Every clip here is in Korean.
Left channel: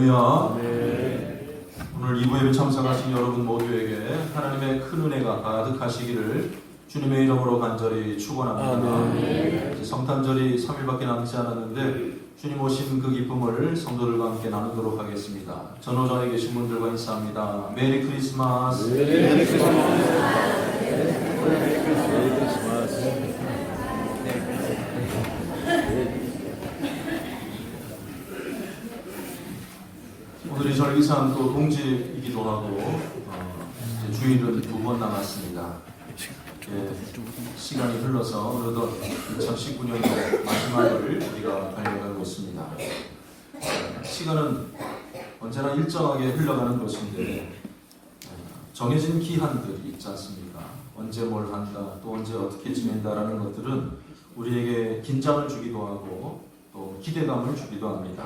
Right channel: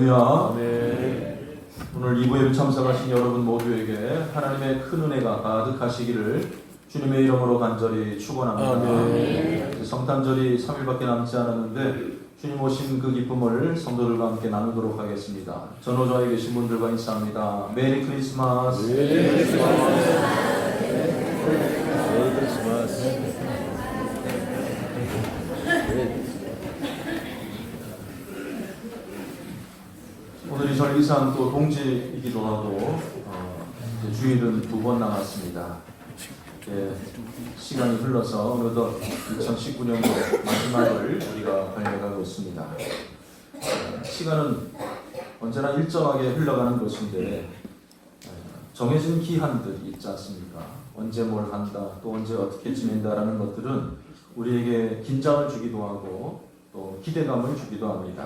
할렐루야. 네. 오늘 2부에 참석하신 여러분 모두에게 하나님의 큰 은혜가 가득하시기를 주님의 이름으로 간절히 축원합니다. 네. 성탄절이 3일밖에 남지 않았는데 주님 오신 그 기쁨을 성도들과 함께 나누도록 하겠습니다. 전호전에 계신 분들과 인사합니다. 메리 크리스마스. 메리 크리스마스. 메리 크리스마스. 오늘이 절기상 또 동지이기도 하고 이제 주일은 2번 남았습니다. 시간이 흘러서 어느덧 2019년 마지막을 우리가 발견하고 있습니다. 시간은 언제나 일정하게 흘러가는 것인데 정해진 기한들이 있지 않습니까? 언제 뭘 한다, 또 언제 어떻게 지낸다라는 것들은 우리에게 긴장을 주기도 하고 또 기대감을 주기도 합니다.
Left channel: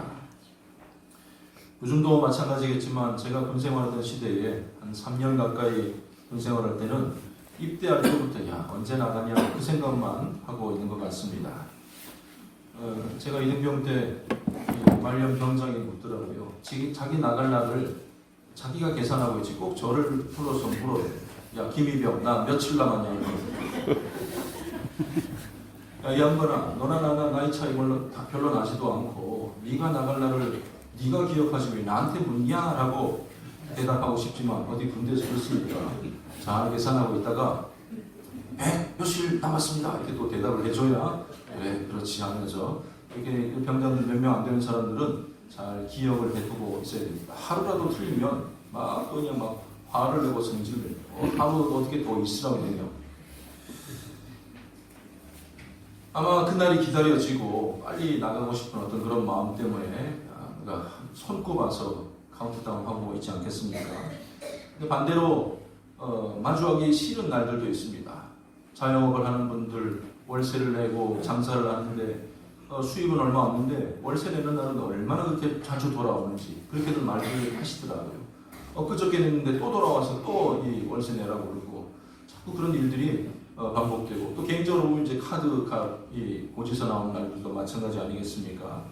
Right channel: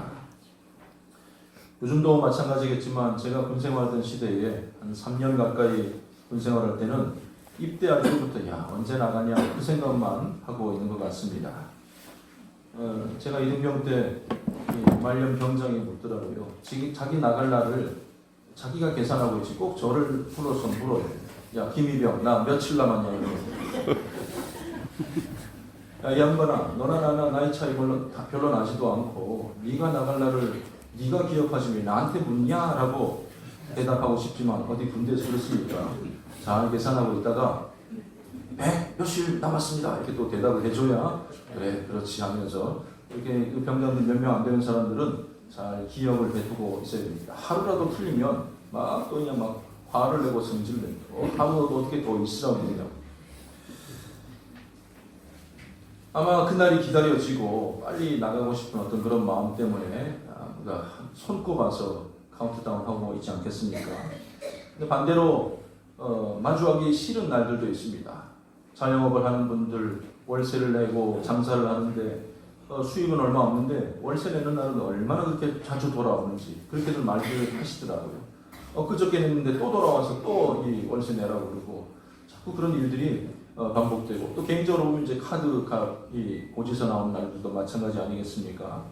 요즘도 마찬가지겠지만 제가 군생활하던 시대에 한 3년 가까이 군생활할 때는 입대할 때부터 야 언제 나가냐 그 생각만 하고 있는 것 같습니다. 제가 이등병 때 말년 병장이 묻더라고요. 자기 나갈 날을 자기가 계산하고 있지 꼭 저를 불러서 물어요. 야 김이병 나 며칠 남았냐고. 야 이 양반아 너나 나나 나이 차이 별로 나지도 않고 네가 나갈 날을 네가 기억하지 왜 나한테 묻냐라고 대답하고 싶지만 어디 군대에서 그렇습니까? 잘 계산하고 있다가 며칠 남았습니다 이렇게 또 대답을 해줘야 그래 그렇지 하면서 이렇게 병장 몇 명 안 되는 사람들은 잘 기억을 해두고 있어야 됩니다. 하루라도 틀리면 막 또 그냥 막 화를 내고 성질을 내고 하루도 어떻게 더 있으라고 해요. 아마 그날이 기다려지고 빨리 나가고 싶은 어떤 그런 마음 때문에 우리가 손꼽아서 카운트다운하고 있지 않겠습니까? 근데 반대로 마주하기 싫은 날들도 있습니다. 자영업을 하는 분들 월세를 내고 장사를 하는데 수입은 얼마 없는데 월세 내는 날은 얼마나 그렇게 자주 돌아오는지 그렇게들 말들을 하시더라고요. 그저께 냈는데 또 돌아와서 또 이 월세 내라고 그러고 자꾸 그런 일들이 반복되고 또 개인적으로 이제 카드값이 고지서 나온 날들도 마찬가지 아니겠습니까?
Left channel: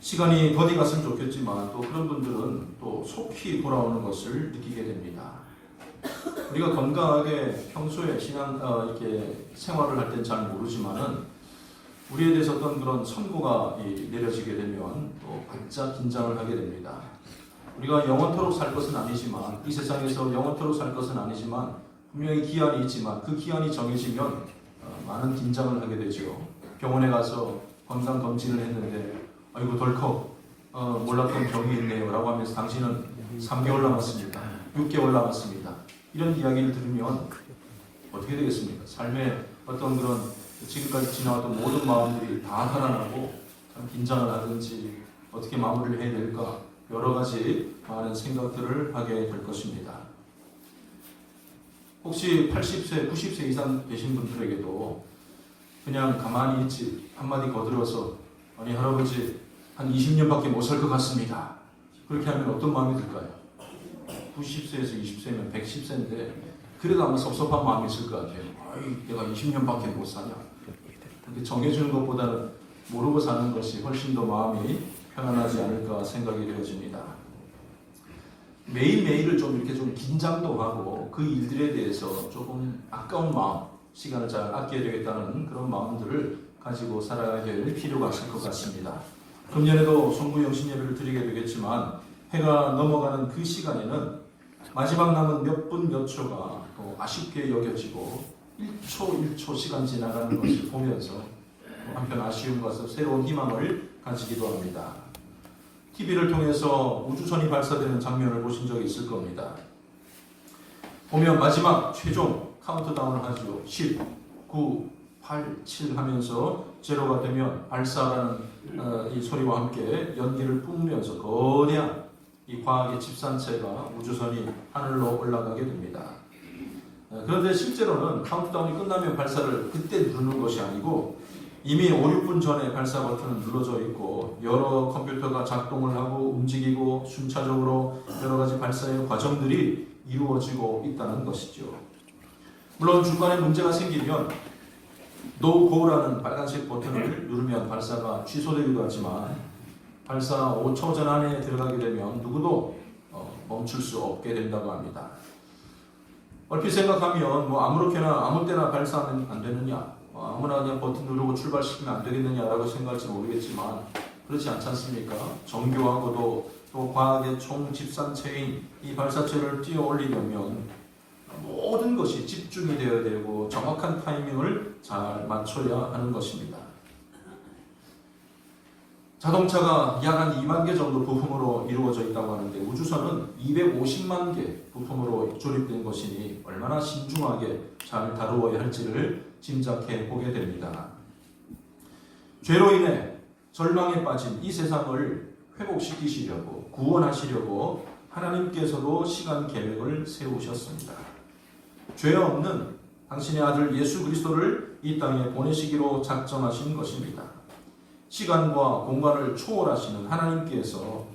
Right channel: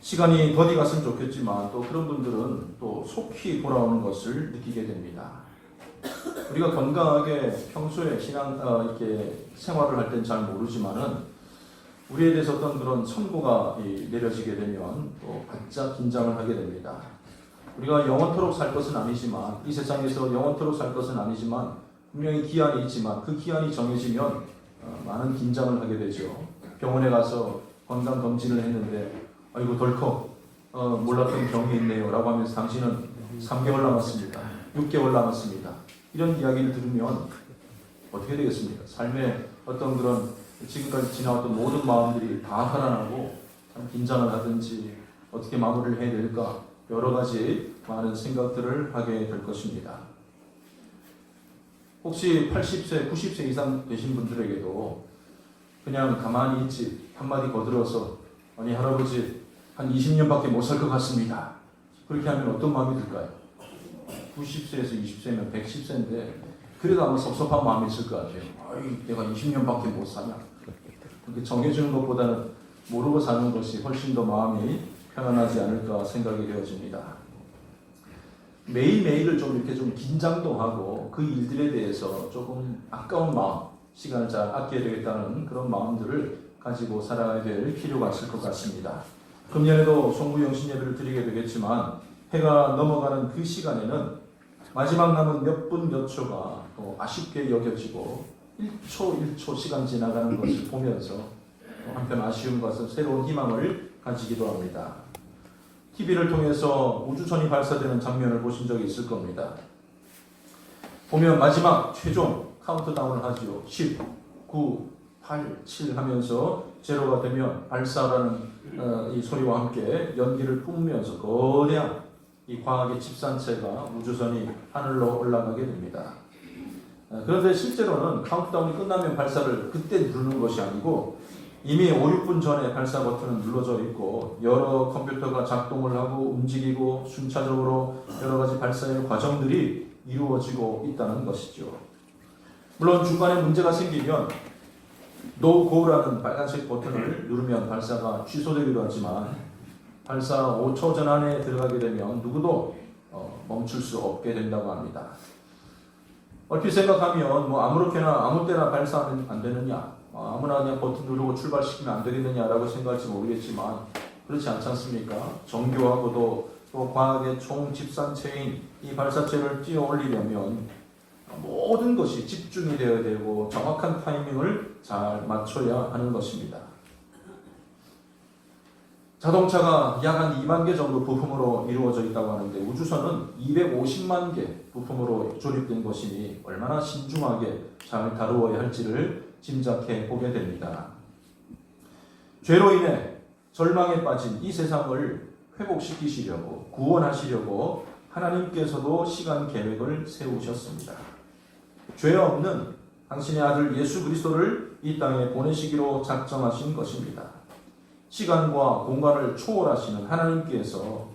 시간이 더디 갔으면 좋겠지만 또 그런 분들은 또 속히 돌아오는 것을 느끼게 됩니다. 우리가 건강하게 평소에 이렇게 생활을 할 땐 잘 모르지만은 우리에 대해서 어떤 그런 선고가 내려지게 되면 또 바짝 긴장을 하게 됩니다. 우리가 영원토록 살 것은 아니지만 이 세상에서 영원토록 살 것은 아니지만 분명히 기한이 있지만 그 기한이 정해지면 많은 긴장을 하게 되죠. 병원에 가서 건강 검진을 했는데 아이고 덜컥 몰랐던 병이 있네요 라고 하면서 당신은 3개월 남았습니다. 6개월 남았습니다. 이런 이야기를 들으면 어떻게 되겠습니까? 삶의 어떤 그런 지금까지 지나왔던 모든 마음들이 다 살아나고 참 긴장을 하든지 어떻게 마무리를 해야 될까 여러 가지 많은 생각들을 하게 될 것입니다. 혹시 80세, 90세 이상 되신 분들에게도 그냥 가만히 있지 한마디 거들어서 아니 할아버지 한 20년밖에 못 살 것 같습니다. 그렇게 하면 어떤 마음이 들까요? 90세에서 20세면 110세인데 그래도 아마 섭섭한 마음이 있을 것 같아요. 아이 내가 20년밖에 못 사냐. 그렇게 정해주는 것보다는 모르고 사는 것이 훨씬 더 마음이 편안하지 않을까 생각이 되어집니다. 매일매일을 좀 이렇게 좀 긴장도 하고 그 일들에 대해서 조금 아까운 마음, 시간을 잘 아껴야 되겠다는 그런 마음들을 가지고 살아야 될 필요가 있을 것 같습니다. 금년에도 송구영신 예배를 드리게 되겠지만 해가 넘어가는 그 시간에는 마지막 남은 몇 분 몇 초가 또 아쉽게 여겨지고 1초 1초 시간 지나가는 것을 보면서 한편 아쉬운 것을 새로운 희망을 가지기도 합니다. TV를 통해서 우주선이 발사되는 장면을 보신 적이 있을 겁니다. 보면 마지막 최종 카운트다운을 하죠. 10, 9, 8, 7 하면서 제로가 되면 발사라는 이 소리와 함께 연기를 뿜으면서 거대한 이 과학의 집산체가 우주선이 하늘로 올라가게 됩니다. 그런데 실제로는 카운트다운이 끝나면 발사를 그때 누르는 것이 아니고 이미 5, 6분 전에 발사 버튼은 눌러져 있고 여러 컴퓨터가 작동을 하고 움직이고 순차적으로 여러 가지 발사의 과정들이 이루어지고 있다는 것이죠. 물론 중간에 문제가 생기면 No Go라는 빨간색 버튼을 누르면 발사가 취소되기도 하지만 발사 5초 전 안에 들어가게 되면 누구도 멈출 수 없게 된다고 합니다. 얼핏 생각하면 뭐 아무렇게나 아무 때나 발사하면 안 되느냐, 아무나 그냥 버튼 누르고 출발시키면 안 되겠느냐라고 생각할지 모르겠지만 그렇지 않지 않습니까? 정교하고도 또 과학의 총집산체인 이 발사체를 띄어 올리려면 모든 것이 집중이 되어야 되고 정확한 타이밍을 잘 맞춰야 하는 것입니다. 자동차가 약 한 2만 개 정도 부품으로 이루어져 있다고 하는데 우주선은 250만 개 부품으로 조립된 것이니 얼마나 신중하게 잘 다루어야 할지를 짐작해 보게 됩니다. 죄로 인해 절망에 빠진 이 세상을 회복시키시려고 구원하시려고 하나님께서도 시간 계획을 세우셨습니다. 죄 없는 당신의 아들 예수 그리스도를 이 땅에 보내시기로 작정하신 것입니다. 시간과 공간을 초월하시는 하나님께서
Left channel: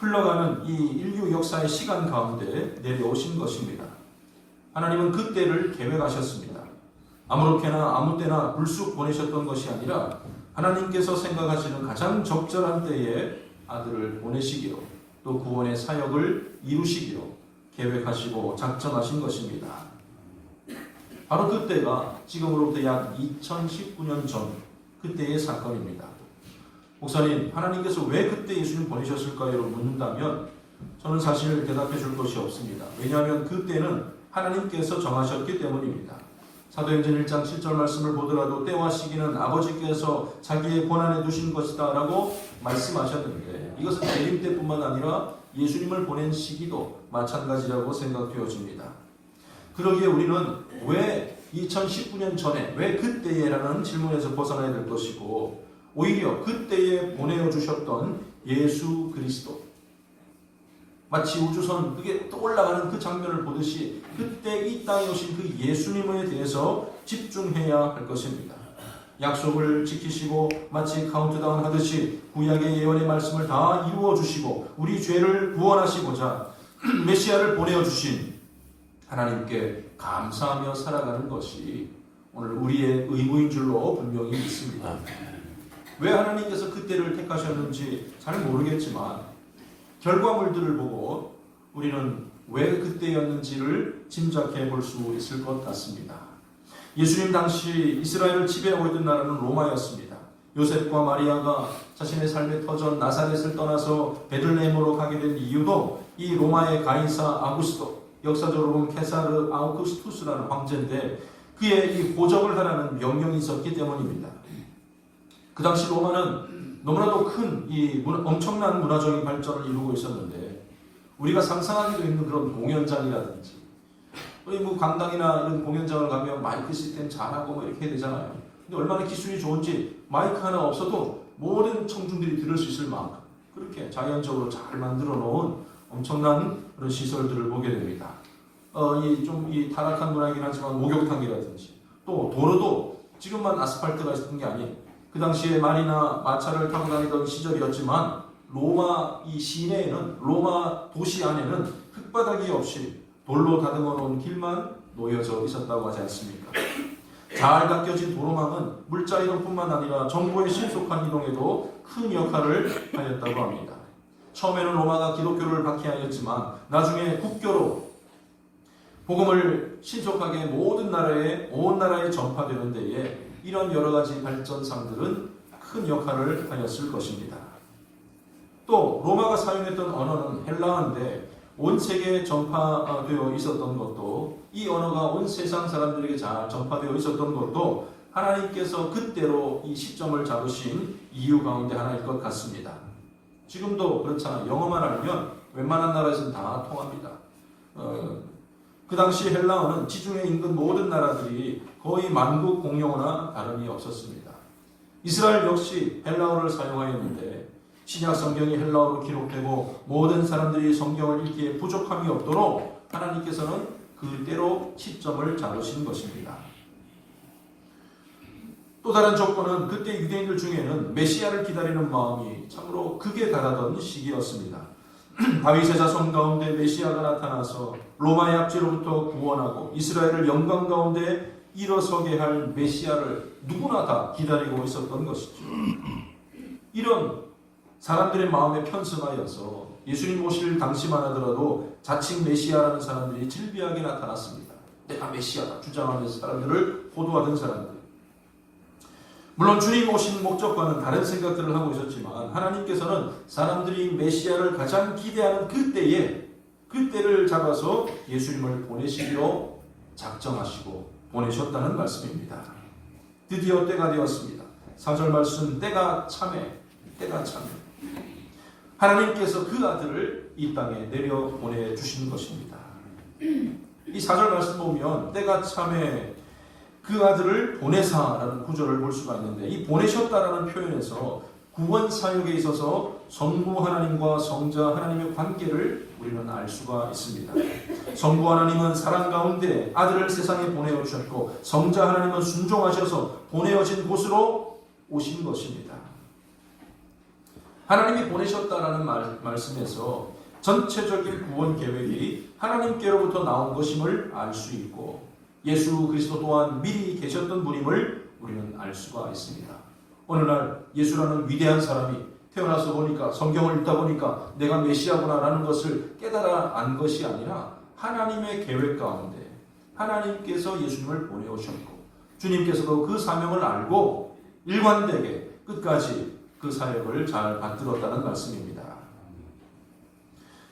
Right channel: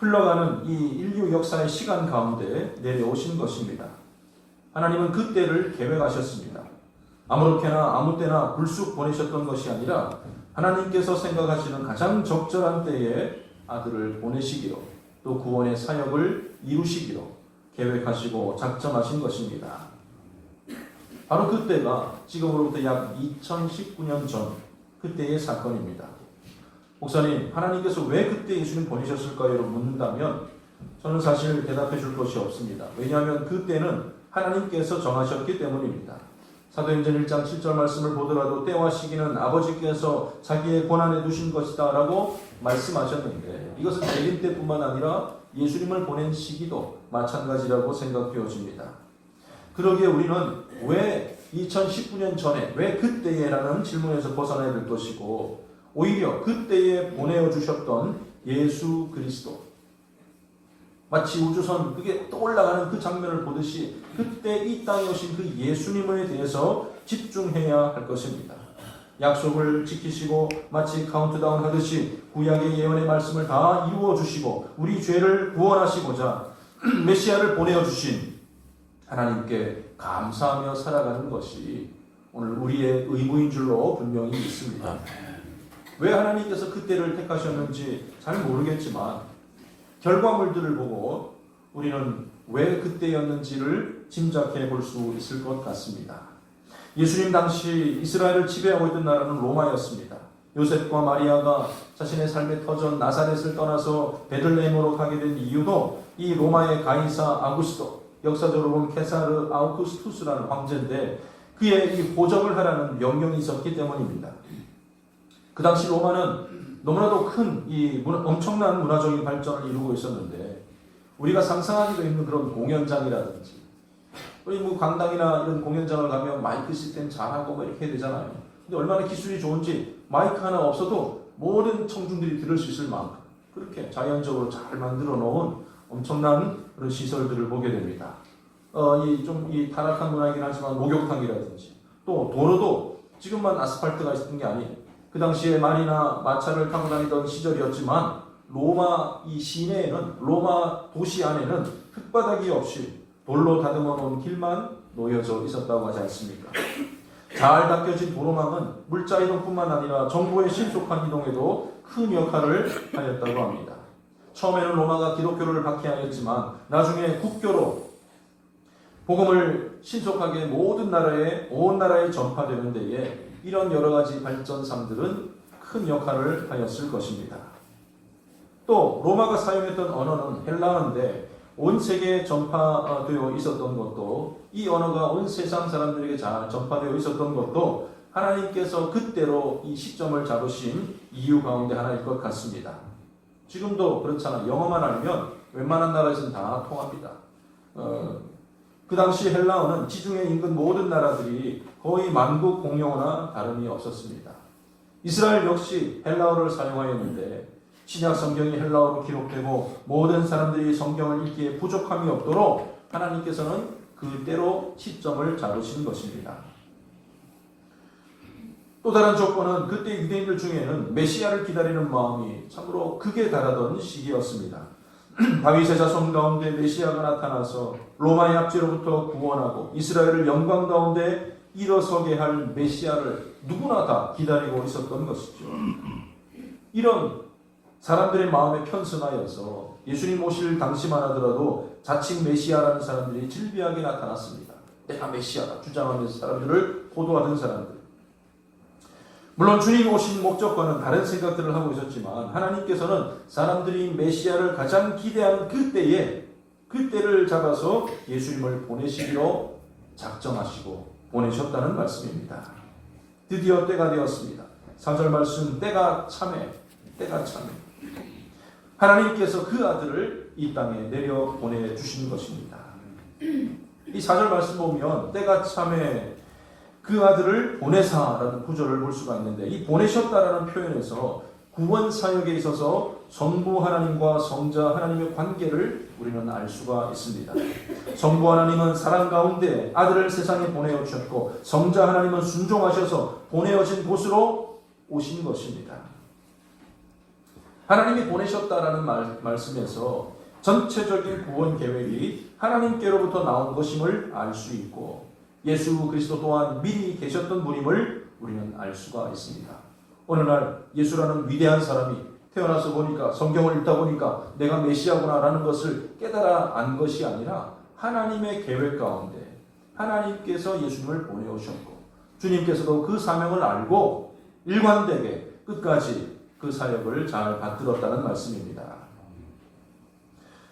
흘러가는 이 인류 역사의 시간 가운데 내려오신 것입니다. 하나님은 그 때를 계획하셨습니다. 아무렇게나 아무 때나 불쑥 보내셨던 것이 아니라 하나님께서 생각하시는 가장 적절한 때에 아들을 보내시기로 또 구원의 사역을 이루시기로 계획하시고 작정하신 것입니다. 바로 그때가 지금으로부터 약 2019년 전 그때의 사건입니다. 목사님, 하나님께서 왜 그때 예수님 보내셨을까요? 묻는다면 저는 사실 대답해 줄 것이 없습니다. 왜냐하면 그때는 하나님께서 정하셨기 때문입니다. 사도행전 1장 7절 말씀을 보더라도 때와 시기는 아버지께서 자기의 권한에 두신 것이다 라고 말씀하셨는데 이것은 재림 때뿐만 아니라 예수님을 보낸 시기도 마찬가지라고 생각되어집니다. 그러기에 우리는 왜 2019년 전에 왜 그때에라는 질문에서 벗어나야 될 것이고 오히려 그때에 보내주셨던 예수 그리스도 마치 우주선 그게 떠올라가는 그 장면을 보듯이 그때 이 땅에 오신 그 예수님에 대해서 집중해야 할 것입니다. 약속을 지키시고 마치 카운트다운 하듯이 구약의 예언의 말씀을 다 이루어 주시고 우리 죄를 구원하시고자 메시아를 보내주신 하나님께 감사하며 살아가는 것이 오늘 우리의 의무인 줄로 분명히 있습니다. 왜 하나님께서 그때를 택하셨는지 잘 모르겠지만 결과물들을 보고 우리는 왜 그때였는지를 짐작해 볼 수 있을 것 같습니다. 예수님 당시 이스라엘을 지배하고 있던 나라는 로마였습니다. 요셉과 마리아가 자신의 삶의 터전 나사렛을 떠나서 베들레헴으로 가게 된 이유도 이 로마의 가이사 아구스토, 역사적으로 보면 케사르 아우구스투스라는 황제인데 그의 이 호적을 하라는 명령이 있었기 때문입니다. 그 당시 로마는 너무나도 큰 엄청난 문화적인 발전을 이루고 있었는데 우리가 상상하기도 힘든 그런 공연장이라든지 우리 뭐 강당이나 이런 공연장을 가면 마이크 시스템 잘하고 이렇게 해야 되잖아요. 근데 얼마나 기술이 좋은지 마이크 하나 없어도 모든 청중들이 들을 수 있을 만큼 그렇게 자연적으로 잘 만들어 놓은 엄청난 그런 시설들을 보게 됩니다. 이 타락한 문화이긴 하지만 목욕탕이라든지 또 도로도 지금만 아스팔트가 있었던 게 아니에요. 그 당시에 말이나 마차를 타고 다니던 시절이었지만 로마 이 시내에는 로마 도시 안에는 흙바닥이 없이 돌로 다듬어 놓은 길만 놓여져 있었다고 하지 않습니까? 잘 닦여진 도로망은 물자 이동뿐만 아니라 정부의 신속한 이동에도 큰 역할을 하였다고 합니다. 처음에는 로마가 기독교를 박해하였지만 나중에 국교로 복음을 신속하게 온 나라에 전파되는 데에 이런 여러 가지 발전상들은 큰 역할을 하였을 것입니다. 또 로마가 사용했던 언어는 헬라어인데 온 세계에 전파되어 있었던 것도 이 언어가 온 세상 사람들에게 잘 전파되어 있었던 것도 하나님께서 그때로 이 시점을 잡으신 이유 가운데 하나일 것 같습니다. 지금도 그렇잖아요. 영어만 알면 웬만한 나라에서는 다 통합니다. 그 당시 헬라어는 지중해 인근 모든 나라들이 거의 만국 공용어나 다름이 없었습니다. 이스라엘 역시 헬라어를 사용하였는데 신약 성경이 헬라어로 기록되고 모든 사람들이 성경을 읽기에 부족함이 없도록 하나님께서는 그때로 시점을 잡으신 것입니다. 또 다른 조건은 그때 유대인들 중에는 메시아를 기다리는 마음이 참으로 극에 달하던 시기였습니다. 다윗의 자손 가운데 메시아가 나타나서 로마의 압제로부터 구원하고 이스라엘을 영광 가운데 일어서게 할 메시아를 누구나 다 기다리고 있었던 것이죠. 이런 사람들의 마음에 편승하여서 예수님 오실 당시만 하더라도 자칭 메시아라는 사람들이 질비하게 나타났습니다. 내가 메시아다 주장하면서 사람들을 호도하던 사람들. 물론 주님 오신 목적과는 다른 생각들을 하고 있었지만 하나님께서는 사람들이 메시아를 가장 기대하는 그때를 잡아서 예수님을 보내시기로 작정하시고 보내셨다는 말씀입니다. 드디어 때가 되었습니다. 4절 말씀 때가 참해. 하나님께서 그 아들을 이 땅에 내려 보내주신 것입니다. 이 4절 말씀 보면 때가 참해 그 아들을 보내사라는 구절을 볼 수가 있는데 이 보내셨다라는 표현에서 구원 사역에 있어서 성부 하나님과 성자 하나님의 관계를 우리는 알 수가 있습니다. 성부 하나님은 사랑 가운데 아들을 세상에 보내어 주셨고 성자 하나님은 순종하셔서 보내어진 곳으로 오신 것입니다. 하나님이 보내셨다라는 말씀에서 전체적인 구원 계획이 하나님께로부터 나온 것임을 알 수 있고 예수 그리스도 또한 미리 계셨던 분임을 우리는 알 수가 있습니다. 오늘날 예수라는 위대한 사람이 태어나서 보니까 성경을 읽다 보니까 내가 메시아구나라는 것을 깨달아 안 것이 아니라 하나님의 계획 가운데 하나님께서 예수님을 보내오셨고 주님께서도 그 사명을 알고 일관되게 끝까지 그 사역을 잘 받들었다는 말씀입니다.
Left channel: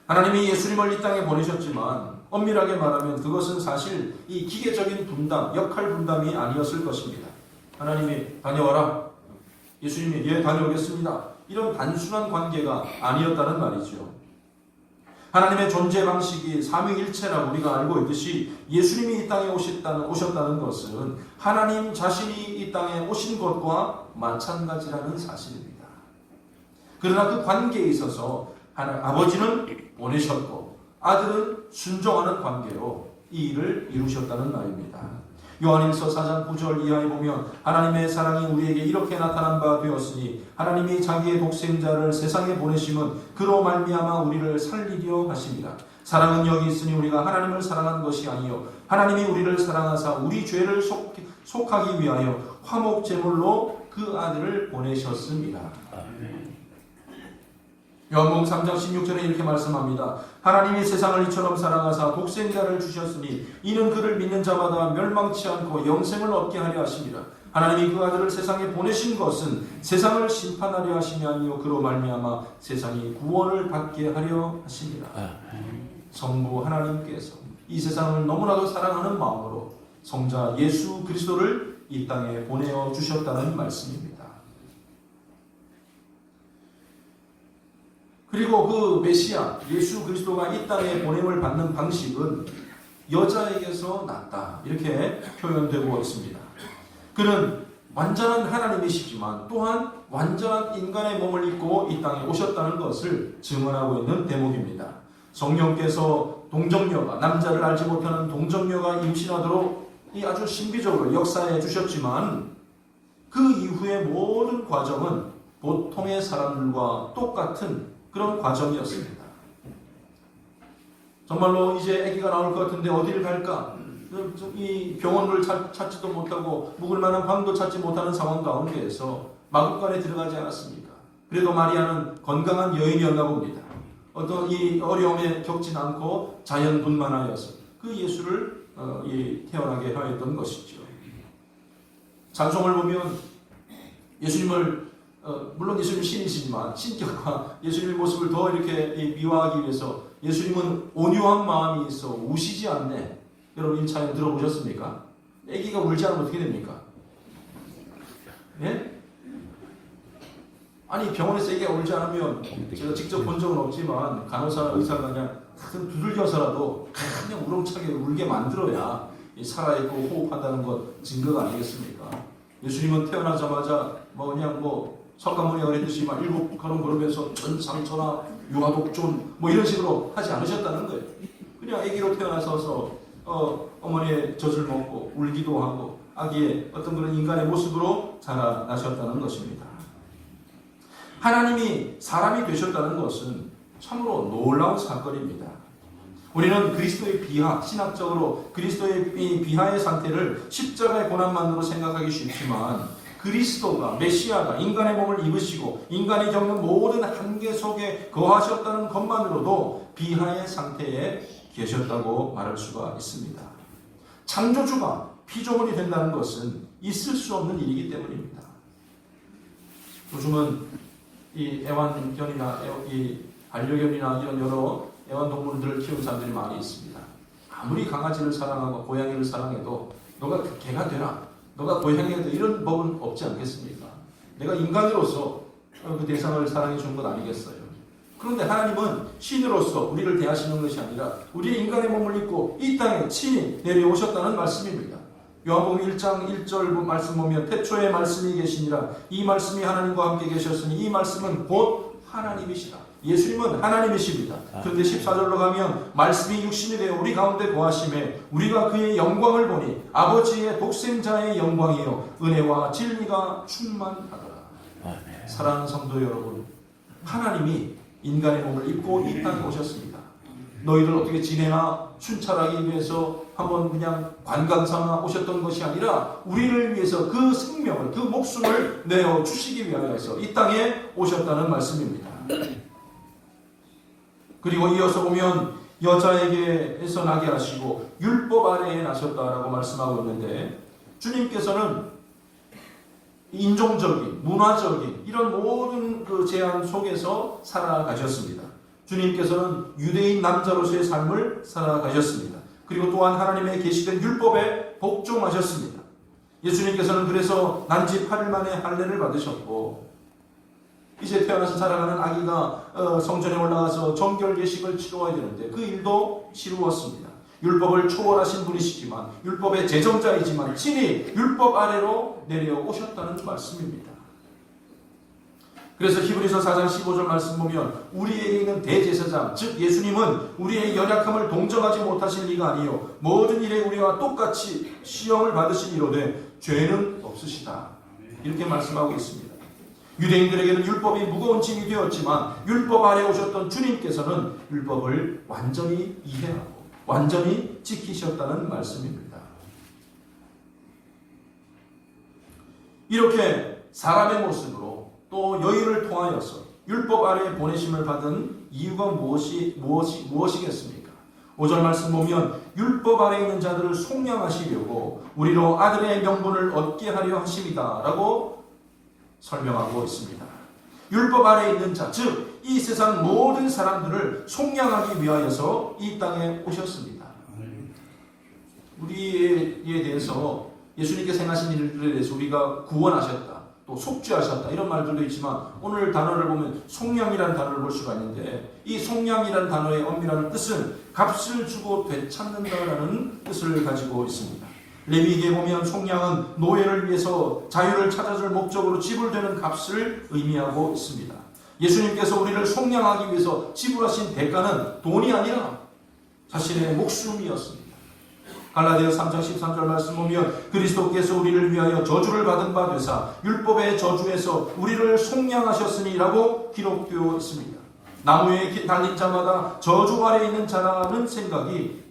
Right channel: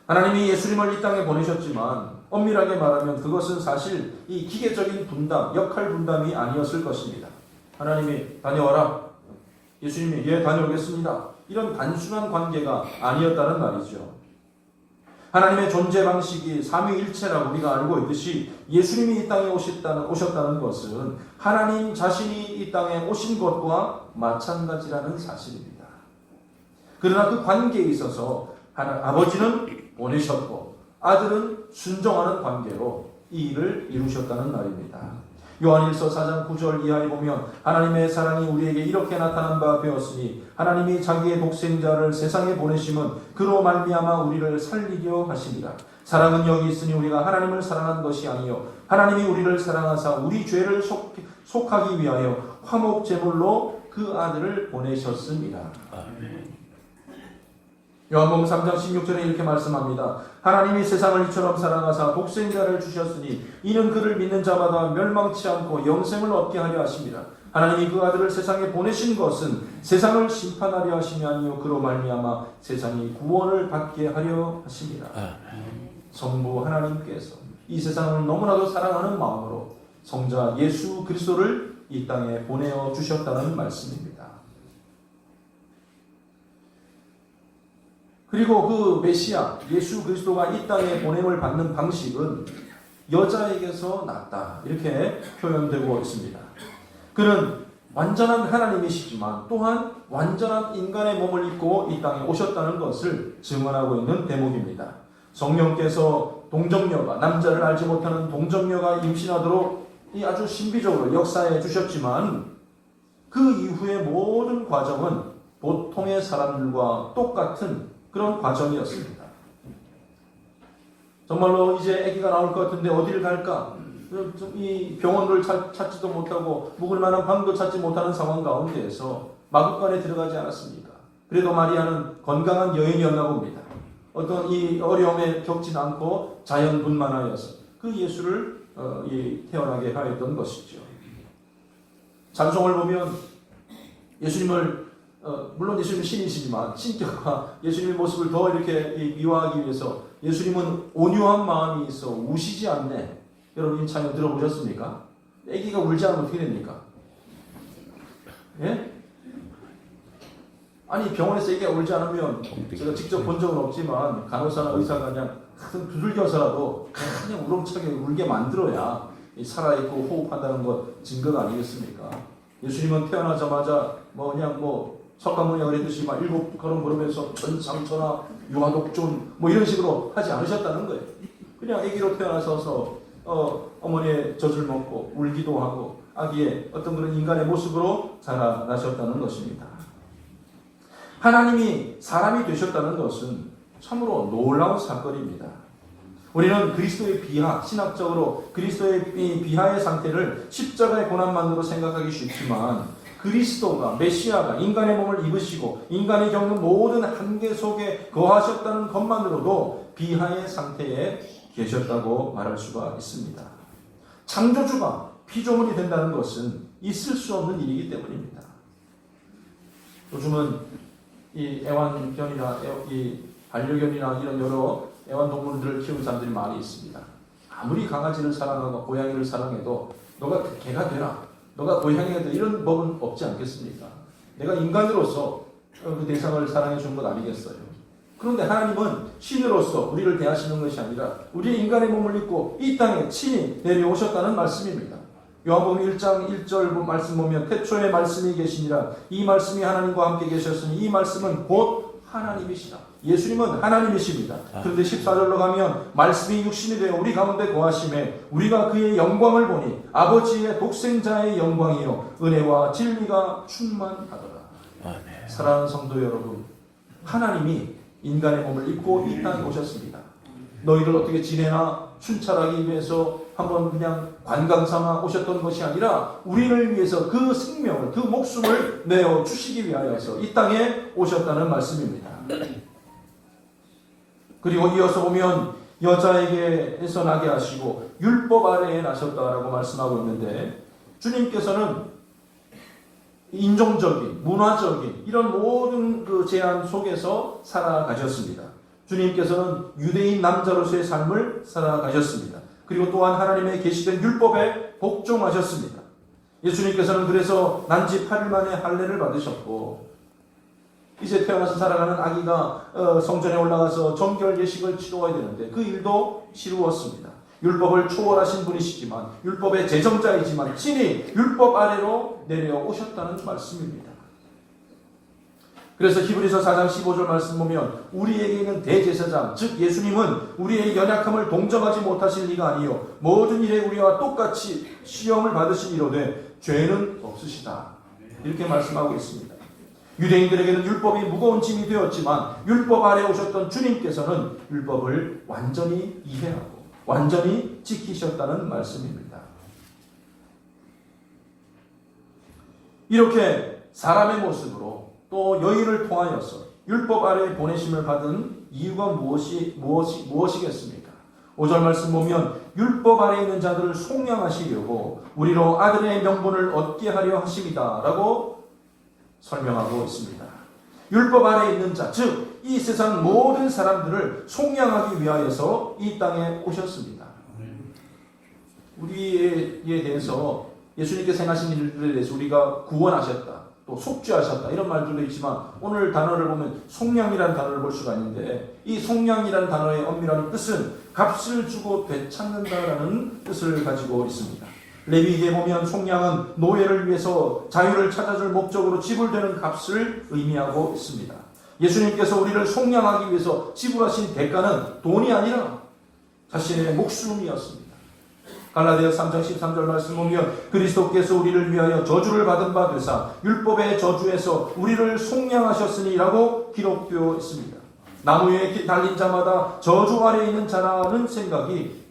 하나님이 예수님을 이 땅에 보내셨지만 엄밀하게 말하면 그것은 사실 이 기계적인 분담, 역할 분담이 아니었을 것입니다. 하나님이 다녀와라. 예수님이 예 다녀오겠습니다. 이런 단순한 관계가 아니었다는 말이죠. 하나님의 존재 방식이 삼위일체라고 우리가 알고 있듯이 예수님이 이 땅에 오셨다는 것은 하나님 자신이 이 땅에 오신 것과 마찬가지라는 사실입니다. 그러나 그 관계에 있어서 아버지는 보내셨고 아들은 순종하는 관계로 이 일을 이루셨다는 말입니다. 요한일서 4장 9절 이하에 보면 하나님의 사랑이 우리에게 이렇게 나타난 바 되었으니 하나님이 자기의 독생자를 세상에 보내심은 그로 말미암아 우리를 살리려 하심이라. 사랑은 여기 있으니 우리가 하나님을 사랑한 것이 아니요 하나님이 우리를 사랑하사 우리 죄를 속하기 위하여 화목 제물로 그 아들을 보내셨습니다. 요한복음 3장 16절에 이렇게 말씀합니다. 하나님이 세상을 이처럼 사랑하사 독생자를 주셨으니 이는 그를 믿는 자마다 멸망치 않고 영생을 얻게 하려 하심이라. 하나님이 그 아들을 세상에 보내신 것은 세상을 심판하려 하심이 아니요 그로 말미암아 세상이 구원을 받게 하려 하심이라. 성부 하나님께서 이 세상을 너무나도 사랑하는 마음으로 성자 예수 그리스도를 이 땅에 보내어 주셨다는 말씀입니다. 그리고 그 메시아 예수 그리스도가 이 땅에 보냄을 받는 방식은 여자에게서 났다 이렇게 표현되고 있습니다. 그는 완전한 하나님이시지만 또한 완전한 인간의 몸을 입고 이 땅에 오셨다는 것을 증언하고 있는 대목입니다. 성령께서 동정녀가 남자를 알지 못하는 동정녀가 임신하도록 이 아주 신비적으로 역사해 주셨지만 그 이후의 모든 과정은 보통의 사람들과 똑같은 그런 과정이었습니다. 정말로 이제 아기가 나올 것 같은데 어디를 갈까? 이 병원을 찾지도 못하고 묵을 만한 방도 찾지 못하는 상황 가운데에서 마구간에 들어가지 않았습니까? 그래도 마리아는 건강한 여인이었나 봅니다. 어떤 이 어려움에 겪지 않고 자연분만하여서 그 예수를 태어나게 하였던 것이죠. 찬송을 보면 예수님을 물론 예수님은 신이시지만 신격과 예수님의 모습을 더 이렇게 미화하기 위해서 예수님은 온유한 마음이 있어 우시지 않네. 여러분 이 찬양 들어보셨습니까? 아기가 울지 않으면 어떻게 됩니까? 예? 아니 병원에서 아기가 울지 않으면 제가 직접 본 적은 없지만 간호사나 의사가 그냥 두들겨서라도 그냥 우렁차게 울게 만들어야 살아있고 호흡한다는 것 증거가 아니겠습니까? 예수님은 태어나자마자 석가모니가 그랬듯이 막 7걸음 걸으면서 전상천하 유아독존 이런 식으로 하지 않으셨다는 거예요. 그냥 아기로 태어나셔서 어머니의 젖을 먹고 울기도 하고 아기의 어떤 그런 인간의 모습으로 자라나셨다는 것입니다. 하나님이 사람이 되셨다는 것은 참으로 놀라운 사건입니다. 우리는 그리스도의 비하, 신학적으로 그리스도의 비하의 상태를 십자가의 고난만으로 생각하기 쉽지만 그리스도가 메시아가 인간의 몸을 입으시고 인간이 겪는 모든 한계 속에 거하셨다는 것만으로도 비하의 상태에 계셨다고 말할 수가 있습니다. 창조주가 피조물이 된다는 것은 있을 수 없는 일이기 때문입니다. 요즘은 이 애완견이나 이 반려견이나 이런 여러 애완동물들을 키우는 사람들이 많이 있습니다. 아무리 강아지를 사랑하고 고양이를 사랑해도 너가 개가 되라, 너가 고양이가 되라 이런 법은 없지 않겠습니까? 내가 인간으로서 그 대상을 사랑해 주는 것 아니겠어요? 그런데 하나님은 신으로서 우리를 대하시는 것이 아니라 우리의 인간의 몸을 입고 이 땅에 친히 내려오셨다는 말씀입니다. 요한복음 1장 1절 말씀 보면 태초에 말씀이 계시니라 이 말씀이 하나님과 함께 계셨으니 이 말씀은 곧 하나님이시라. 예수님은 하나님이십니다. 그런데 14절로 가면 말씀이 육신이 되어 우리 가운데 거하심에 우리가 그의 영광을 보니 아버지의 독생자의 영광이요 은혜와 진리가 충만하더라. 사랑하는 성도 여러분, 하나님이 인간의 몸을 입고 이 땅에 오셨습니다. 너희를 어떻게 지내나 순찰하기 위해서 한번 그냥 관광 삼아 오셨던 것이 아니라 우리를 위해서 그 생명을, 그 목숨을 내어 주시기 위하여서 이 땅에 오셨다는 말씀입니다. 그리고 이어서 보면 여자에게서 나게 하시고 율법 아래에 나셨다라고 말씀하고 있는데 주님께서는 인종적인, 문화적인 이런 모든 그 제한 속에서 살아가셨습니다. 주님께서는 유대인 남자로서의 삶을 살아가셨습니다. 그리고 또한 하나님의 계시된 율법에 복종하셨습니다. 예수님께서는 그래서 난지 8일 만에 할례를 받으셨고 이제 태어나서 살아가는 아기가 성전에 올라가서 정결 예식을 치러야 되는데 그 일도 치루었습니다. 율법을 초월하신 분이시지만 율법의 제정자이지만 친히 율법 아래로 내려오셨다는 말씀입니다. 그래서 히브리서 4장 15절 말씀 보면 우리에게 있는 대제사장 즉 예수님은 우리의 연약함을 동정하지 못하실 리가 아니요 모든 일에 우리와 똑같이 시험을 받으시니로되 죄는 없으시다. 이렇게 말씀하고 있습니다. 유대인들에게는 율법이 무거운 짐이 되었지만 율법 아래 오셨던 주님께서는 율법을 완전히 이해하고 완전히 지키셨다는 말씀입니다. 이렇게 사람의 모습으로 또 여인을 통하여서 율법 아래에 보내심을 받은 이유가 무엇이겠습니까? 5절 말씀 보면 율법 아래에 있는 자들을 속량하시려고 우리로 아들의 명분을 얻게 하려 하심이다 라고 설명하고 있습니다. 율법 아래에 있는 자, 즉 이 세상 모든 사람들을 속량하기 위하여서 이 땅에 오셨습니다. 우리에 대해서 예수님께서 행하신 일들에 대해서 우리가 구원하셨다, 또 속죄하셨다 이런 말들도 있지만 오늘 단어를 보면 속량이라는 단어를 볼 수가 있는데 이 속량이라는 단어의 엄밀한 뜻은 값을 주고 되찾는다라는 뜻을 가지고 있습니다. 레위기에 보면 속량은 노예를 위해서 자유를 찾아줄 목적으로 지불되는 값을 의미하고 있습니다. 예수님께서 우리를 속량하기 위해서 지불하신 대가는 돈이 아니라 자신의 목숨이었습니다. 갈라디아서 3장 13절 말씀 보면 그리스도께서 우리를 위하여 저주를 받은 바 되사 율법의 저주에서 우리를 속량하셨으니라고 기록되어 있습니다. 나무에 달린 자마다 저주 아래 있는 자라는 생각이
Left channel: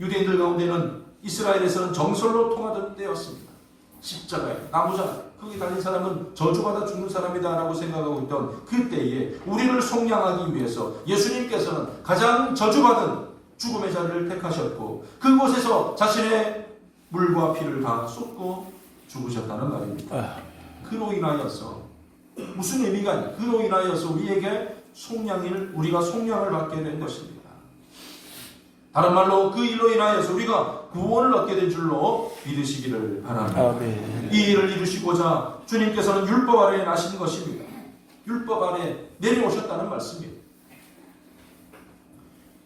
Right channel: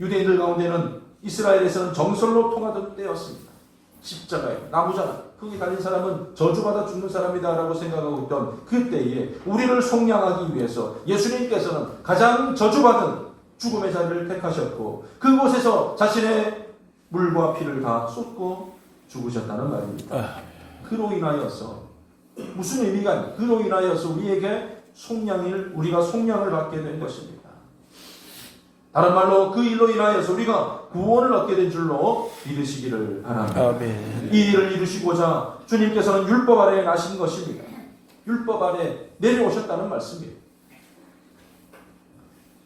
유대인들 가운데는 이스라엘에서는 정설로 통하던 때였습니다. 십자가에 나무잖아. 거기 달린 사람은 저주받아 죽는 사람이다라고 생각하고 있던 그때에 우리를 속량하기 위해서 예수님께서는 가장 저주받은 죽음의 자리를 택하셨고 그곳에서 자신의 물과 피를 다 쏟고 죽으셨다는 말입니다. 그로 인하여서 무슨 의미가 아니에요. 그로 인하여서 우리에게 우리가 속량을 받게 된 것입니다. 다른 말로 그 일로 인하여서 우리가 구원을 얻게 된 줄로 믿으시기를 바랍니다. 아멘. 이 일을 이루시고자 주님께서는 율법 아래에 나신 것입니다. 율법 아래 내려오셨다는 말씀이에요.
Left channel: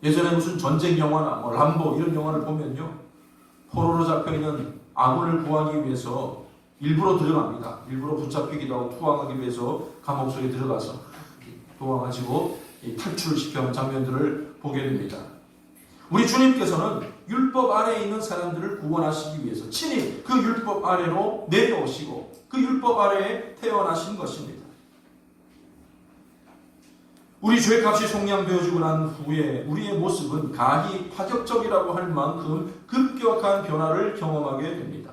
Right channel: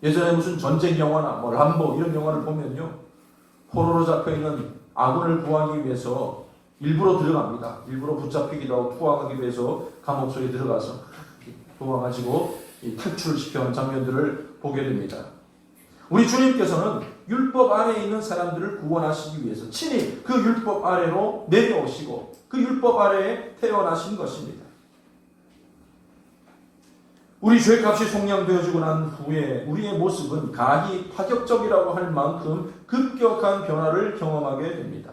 예전에 무슨 전쟁 영화나 람보 이런 영화를 보면요, 포로로 잡혀있는 아군을 구하기 위해서 일부러 들어갑니다. 일부러 붙잡히기도 하고 투항하기 위해서 감옥 속에 들어가서 도와가지고 탈출시켜온 장면들을 보게 됩니다. 우리 주님께서는 율법 아래에 있는 사람들을 구원하시기 위해서 친히 그 율법 아래로 내려오시고 그 율법 아래에 태어나신 것입니다. 우리 죄값이 속량되어지고 난 후에 우리의 모습은 가히 파격적이라고 할 만큼 급격한 변화를 경험하게 됩니다.